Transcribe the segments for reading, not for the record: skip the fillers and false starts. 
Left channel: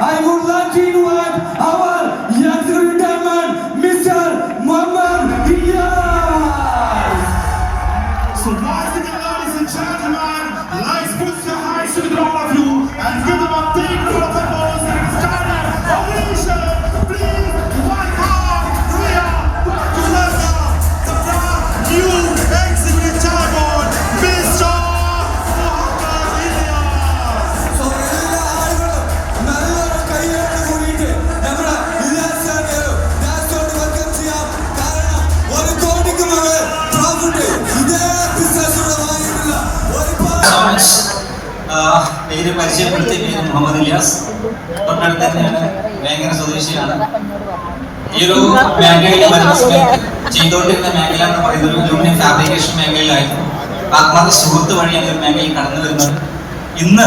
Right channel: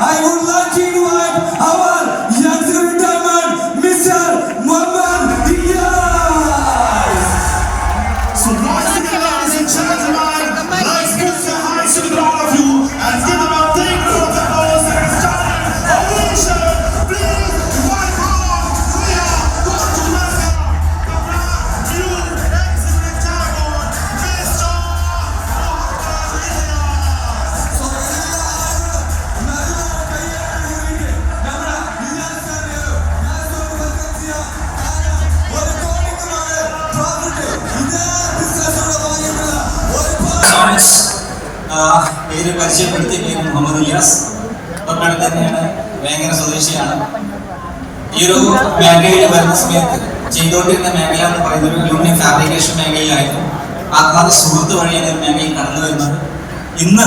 I would like to invite our young retirement, Mr. Muhammad Diaz. So once again, ladies and gentlemen, let's put the hands to all of you and give them a big round of applause and a standing ovation. Please welcome Ria Wakuwanga, the brand new executive chairman, Mr. Muhammad Diaz. പേര് പരിചയപ്പെടുത്തിയ പേര് മുഹമ്മദ് ഇലിയാസ്. തൊട്ടടുത്ത് തന്നെയാണ്, വേങ്ങര സ്വദേശിയാണ്. ഈ ഒരു മേഖലയിൽ വരുന്ന സമയത്ത് ചെയ്തുകൊണ്ടിരുന്ന മേഖല എന്ന് പറയുന്നത് ഒരു അലൂമിനിയം ഫാബ്രിക്കേഷൻ മേഖലയിലായിരുന്നു. ആത്മാർത്ഥ സുഹൃത്ത് വഴിയാണ് ഈ ഒരു മേഖലയിൽ കടന്നു വരുന്നത്. ഇന്ന്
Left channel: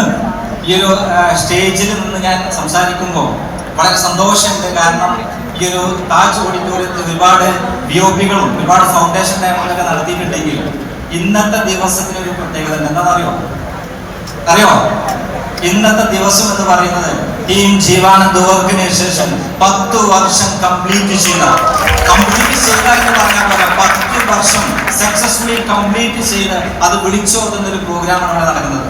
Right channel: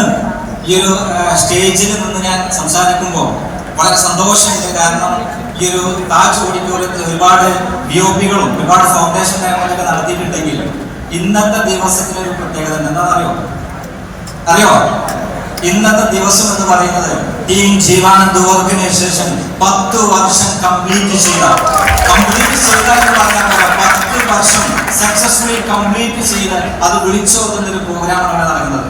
ഈ ഒരു സ്റ്റേജിൽ നിന്ന് ഞാൻ സംസാരിക്കുമ്പോൾ വളരെ സന്തോഷമുണ്ട്. കാരണം ഈ ഒരു താജ് ഓഡിറ്റോറിയത്തിൽ ഒരുപാട് BOP-കളും ഒരുപാട് ഫൗണ്ടേഷൻ ഡയമണ്ടൊക്കെ നടത്തിയിട്ടുണ്ടെങ്കിൽ ഇന്നത്തെ ദിവസത്തിനൊരു പ്രത്യേകത എന്താണെന്നറിയോ? ഇന്നത്തെ ദിവസം എന്ന് പറയുന്നത് ടീം ജീവാനന്ദ് ഓർഗനൈസേഷൻ 10 വർഷം കംപ്ലീറ്റ് ചെയ്ത എന്ന് പറയാൻ പോലെ 10 വർഷം സക്സസ്ഫുള്ളി കംപ്ലീറ്റ് ചെയ്ത് അത് വിളിച്ചോതുന്ന ഒരു പ്രോഗ്രാമാണ് അവിടെ നടക്കുന്നത്.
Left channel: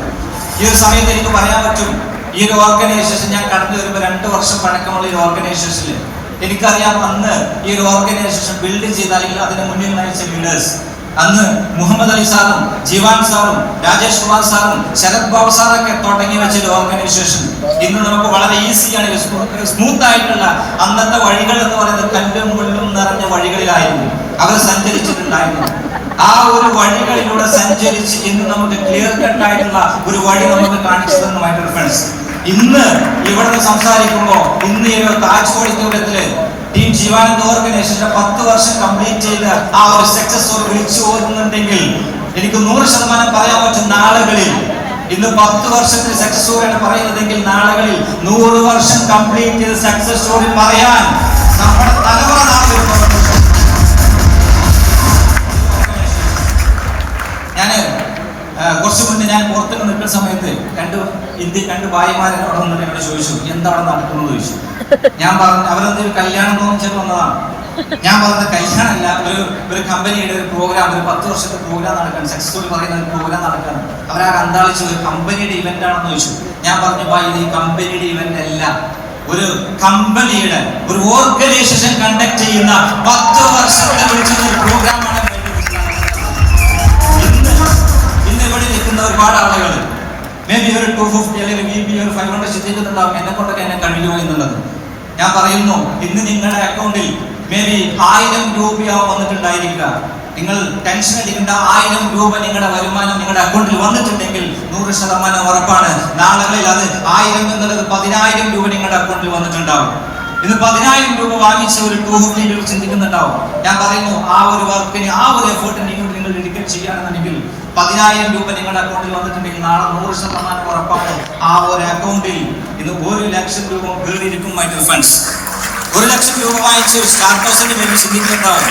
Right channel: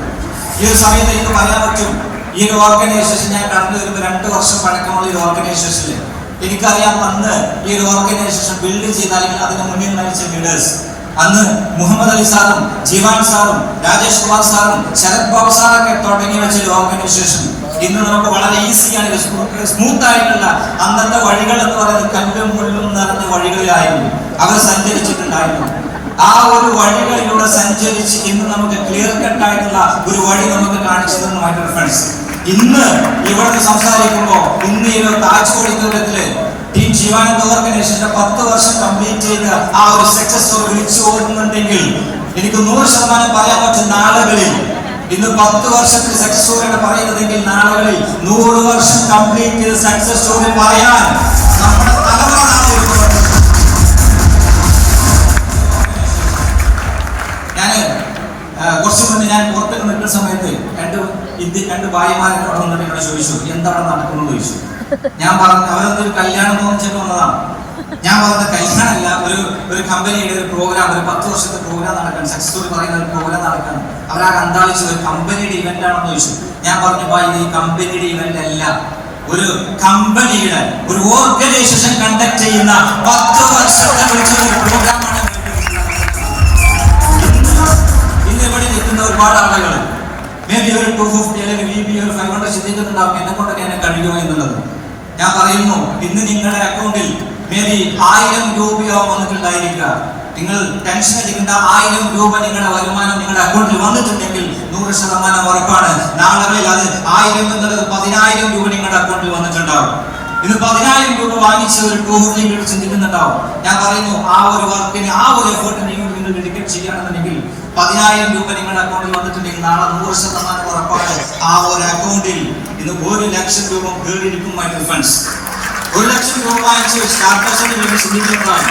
ഈ ഒരു സമയത്ത് എനിക്ക് പറയാൻ പറ്റും, ഈ ഒരു ഓർഗനൈസേഷൻ ഞാൻ കടന്നു വരുമ്പോൾ 2 വർഷം പഴക്കമുള്ള ഈ ഓർഗനൈസേഷനിൽ എനിക്കറിയാം അന്ന് ഈ ഒരു ഓർഗനൈസേഷൻ ബിൽഡ് ചെയ്ത അല്ലെങ്കിൽ അതിന് മുന്നിൽ നയിച്ച ലീഡേഴ്സ് അന്ന് മുഹമ്മദ് അലി സാറും ജീവാൻ സാറും രാജേഷ് കുമാർ സാറും ശരത് ബാബു സാറൊക്കെ തുടങ്ങി വെച്ചൊരു ഓർഗനൈസേഷൻ ഇന്ന് നമുക്ക് വളരെ ഈസിയാണ്, സ്മൂത്ത് ആയിട്ടുള്ള അന്നത്തെ വഴികൾ എന്ന് പറയുന്നത് കല്ലും മുള്ളും നിറഞ്ഞ വഴികളിലായിരുന്നു അവർ സഞ്ചരിച്ചിട്ടുണ്ടായിരുന്നു. ആ ഒരു വഴികളിലൂടെ സഞ്ചരിച്ച് ഇന്ന് നമുക്ക് ക്ലിയർ കട്ടായിട്ടുള്ള ഒരു വഴി നമുക്ക് കാണിച്ചു തന്നു മൈ ഡിയർ ഫ്രണ്ട്സ്. ഇന്ന് ഇവിടെ സംസാരിക്കുമ്പോൾ ഇന്ന് ഈ ഒരു താജ് ഓഡിറ്റോറിയത്തില് ടീം ജീവാനന്ദ് ഓർഗനൈസേഷന്റെ 10 വർഷം കംപ്ലീറ്റ് ചെയ്ത് ആ ഒരു സക്സസ് സ്റ്റോറി വിളിച്ചു ഓടുന്നുണ്ടെങ്കിൽ എനിക്ക് 100% പറയാൻ പറ്റും, നാളുകളിൽ ഇന്ന് 10 വർഷത്തിൽ സക്സസ് സ്റ്റോറിയാണ് പറയുന്നതെങ്കിൽ നാളുകളിൽ 100 വർഷം കംപ്ലീറ്റ് ചെയ്ത് സക്സസ് സ്റ്റോറി പറയാൻ നമ്മുടെ തലമുറ കുറച്ചു മുന്നേ ഞാൻ പുറത്തൊക്കെ നിൽക്കുന്ന സമയത്ത് രണ്ട് ഭായിമാരോട് വന്നിട്ട് എന്നോട് ചോദിച്ചു, എന്താ അവിടെ നടക്കുന്നത് ചോദിച്ചു. ഞാൻ പറഞ്ഞു, അവരെന്തൊരു കല്യാണം തോന്നിച്ചിട്ട് വന്നതാണ്. ഞാൻ പറഞ്ഞത് കല്യാണമല്ല, ഒരു കമ്പനിയുടെ ഒരു പ്രോഗ്രാം, ഒരു 10 വർഷത്തെ പ്രോഗ്രാം നടക്കാൻ, സക്സസ്ഫുൾ പറയുന്ന ഒരു പ്രോഗ്രാം നടക്കാൻ. അവരാ അന്താളിച്ചു, ഒരു കമ്പനിയുടെ ഇവന്റ് ആണെന്ന് ചോദിച്ചു. ഞാൻ പറഞ്ഞു, ഇത് ഈ കമ്പനിയുടെ ഇവന്റ് അല്ല, ഒരു കമ്പനിയുടെ ഒരു ഓർഗനൈസേഷൻ കണ്ടക്ട് ചെയ്യുന്ന 10 വർഷത്തെ വിളിച്ചുള്ള ഒരു പ്രോഗ്രാമാണ്. ഇന്ന് ഇവിടെ നിൽക്കുന്ന ഒരുപാട് ആളുകൾ മേ ബി ഒരു 250 അല്ലെങ്കിൽ VB ഒരു 500 ചിന്തിക്കുന്നുണ്ടാവും, എന്നെ കൊണ്ടൊക്കെ എന്നെ കഴിയുമോ എന്നുള്ളത്. ഞാൻ പറയുന്നു, ഇന്ന് നിങ്ങളുടെ അക്കൗണ്ടിൽ മേ ബി 1000 രൂപയാവും വന്നിട്ടുണ്ടായിരിക്കുക. നിങ്ങൾ ടെൻഷൻ അടിക്കേണ്ട, 1000 രൂപ നിങ്ങളുടെ വരുമാനം നിങ്ങളുടെ അക്കൗണ്ടിൽ വന്നിട്ടുണ്ടെങ്കിൽ 100% ഉറപ്പാണ് നാളുകളിൽ അത് 1000 എന്നുള്ളത് 10,000 രൂപ നിങ്ങളുടെ അക്കൗണ്ടിൽ വന്നിട്ടുണ്ടാവും. ഇന്ന് 10,000 രൂപ വാങ്ങിച്ച ഒരു 250 രൂപ ചിന്തിക്കുന്നുണ്ടാവും. ഞാൻ പറയുന്നു, ആ ഒരു വർക്കിന് ആ ഒരു എഫേർട്ടിന് നിങ്ങൾ ഡെഡിക്കേറ്റ് ചെയ്യുകയാണെന്നുണ്ടെങ്കിൽ 10,000 രൂപ നിങ്ങളുടെ അക്കൗണ്ടിൽ വന്നിട്ടുണ്ടെങ്കിൽ നാളെ 100% ഉറപ്പാണ് ആ ഒരു അക്കൗണ്ടിൽ ഇന്ന് 1 ലക്ഷം രൂപ കയറിയിരിക്കും. മൈ ഡിയർ ഫ്രണ്ട്സ്, 1 ലക്ഷം രൂപ വാങ്ങിച്ച് സ്റ്റാർട്ടേഴ്സിന് വേണ്ടി ചിന്തിക്കുന്നുണ്ടാവും.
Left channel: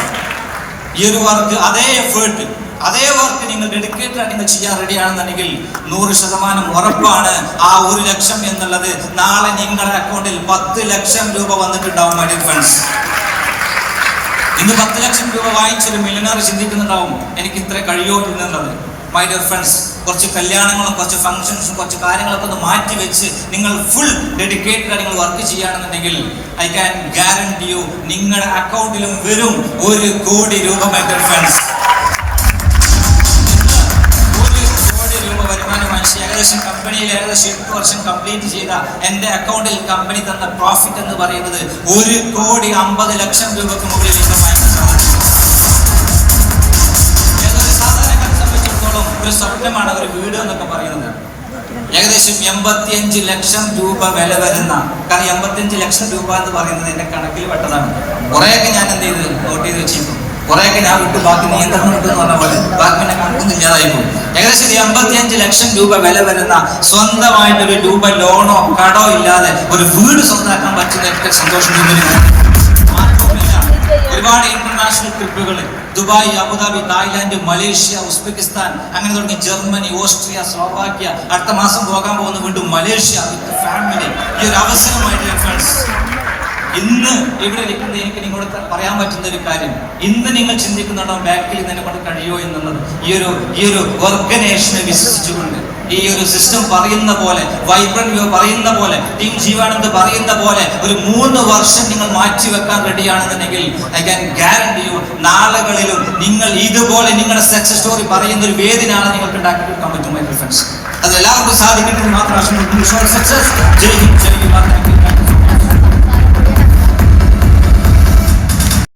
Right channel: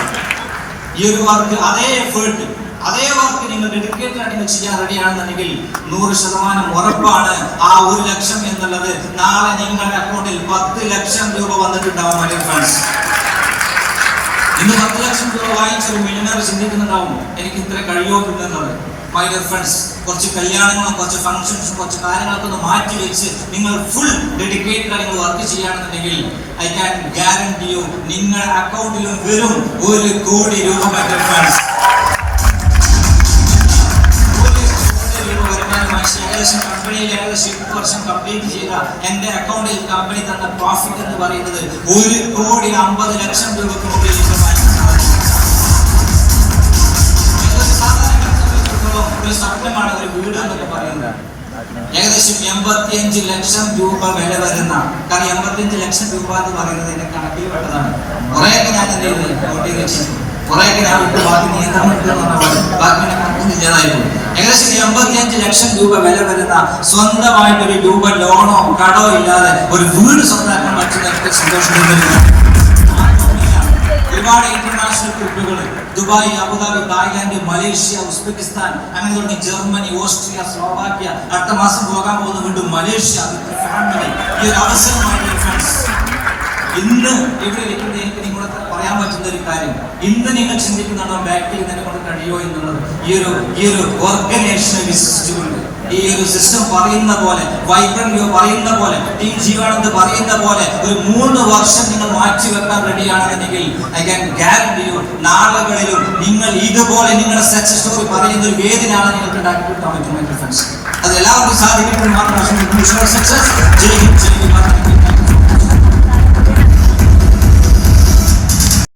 ഈ ഒരു വർക്ക്, അതേ എഫേർട്ട്, അതേ വർക്ക് നിങ്ങൾ ഡെഡിക്കേറ്റ് ആയിട്ട് നിങ്ങൾ ചെയ്യാൻ റെഡിയാണെന്നുണ്ടെങ്കിൽ 100% ഉറപ്പാണ് ആ 1 ലക്ഷം എന്നുള്ളത് നാളെ നിങ്ങളുടെ അക്കൗണ്ടിൽ 10 ലക്ഷം രൂപ വന്നിട്ടുണ്ടാവും. മൈ ഡിയർ ഫ്രണ്ട്സ്, ഇന്ന് 10 ലക്ഷം രൂപ വാങ്ങിച്ചൊരു മില്യണർ ചിന്തിക്കുന്നുണ്ടാവും, എനിക്ക് ഇത്ര കഴിയുമെന്നുള്ളത്. മൈ ഡിയർ ഫ്രണ്ട്സ്, കുറച്ച് കല്യാണങ്ങളും കുറച്ച് ഫംഗ്ഷൻസും കുറച്ച് കാര്യങ്ങളൊക്കെ ഒന്ന് മാറ്റി വെച്ച് നിങ്ങൾ ഫുൾ ഡെഡിക്കേറ്റഡ് നിങ്ങൾ വർക്ക് ചെയ്യുകയാണെന്നുണ്ടെങ്കിൽ ഐ ക്യാൻ ഗ്യാരണ്ടി യു നിങ്ങളുടെ അക്കൗണ്ടിലും വരും 1 കോടി രൂപ. മൈ ഡിയർ ഫ്രണ്ട്സ്, 1 കോടി രൂപ വരുമാനം ഏകദേശം കമ്പനിയിൽ ഏകദേശം 8 വർഷം കംപ്ലീറ്റ് ചെയ്ത എൻ്റെ അക്കൗണ്ടിൽ കമ്പനി തന്ന പ്രോഫിറ്റ് എന്ന് പറയുന്നത് 1,50,00,000 രൂപക്ക് മുകളിൽ. ഒരു സ്വപ്നമാണ് ഒരു വീട് എന്നൊക്കെ പറയുന്നത്. ഏകദേശം 85 ലക്ഷം രൂപ വില വരുന്ന, കാരണം 85 ലക്ഷം രൂപ എന്ന് പറയുന്നത് എന്റെ കണക്കിൽ പെട്ടതാണ്. കുറെയൊക്കെ ഞാൻ എന്ത് ചെയ്ത് നോട്ട് ചെയ്ത് വെച്ചിരുന്നു, കുറെയൊക്കെ ഞാൻ വിട്ട് ബാക്കി നിയന്ത്രണം ഇട്ടെന്ന് പറഞ്ഞാൽ ബാക്കി കണക്കൊന്നും ഇല്ലാതായി പോകും. ഏകദേശം 85 ലക്ഷം രൂപ വില വരുന്ന സ്വന്തമായിട്ട് ഒരു രൂപ ലോണോ കടോ ഇല്ലാതെ ഒരു വീട് സ്വന്തമാക്കാൻ പറ്റുന്ന സന്തോഷം വരുന്നു. ഒരുപാട് ഇന്റർനാഷണൽ ട്രിപ്പുകൾ, Dubai, Abu Dhabi, Thailand, Malaysia, Uzbekistan, അങ്ങനെ തുടങ്ങി ജർമ്മനി, ഓസ്ട്രിയ, സ്ലോവാക്യ, അടുത്ത മാസം പോകാൻ പോകുന്ന വീണ്ടും മലേഷ്യ, ഗവൺമെന്റ് ഈ ഒരു അവസരമായിട്ട് ഫ്രണ്ട്സ് ഇന്ന് ഇവിടെ ഇരിക്കുന്ന എനിക്ക് നിങ്ങളോട് പറയാൻ പറ്റുന്ന ഒരു കാര്യം, ഇന്ന് നിങ്ങൾ ചിന്തിക്കുന്നുണ്ടോ ബാക്കിൽ നിന്നെ കൊണ്ട് കഴിയുമോ എന്നുള്ളത്. ഈ ഒരു ഓർഗനൈസേഷനെ വിശ്വസിച്ചുകൊണ്ട് ഈ ഒരു സിസ്റ്റം പറയുന്ന പോലെ, വൈബ്രന്റ് പറയുന്ന പോലെ, ടീം ജീവാനന്ദ് പറയുന്ന പോലെ ഒരു 3 വർഷം നിങ്ങൾ മാറ്റിവെക്കാൻ റെഡിയാണെന്നുണ്ടെങ്കിൽ ഐ ക്യാൻ ഗ്യാരണ്ടി യു, നാളുകളിലും നിങ്ങൾ ഇതുപോലെ നിങ്ങളുടെ സക്സസ് സ്റ്റോറി പറയുന്ന ഒരു വേദി നാളെ നിങ്ങൾക്ക് ഉണ്ടാക്കിയെടുക്കാൻ പറ്റും മൈ ഫ്രണ്ട്സ്. അത് എല്ലാവർക്കും സാധിക്കട്ടെ മാത്രം. സക്സസ്. ജയ് ഹിന്ദ്, ജയ് ഹിന്ദ്.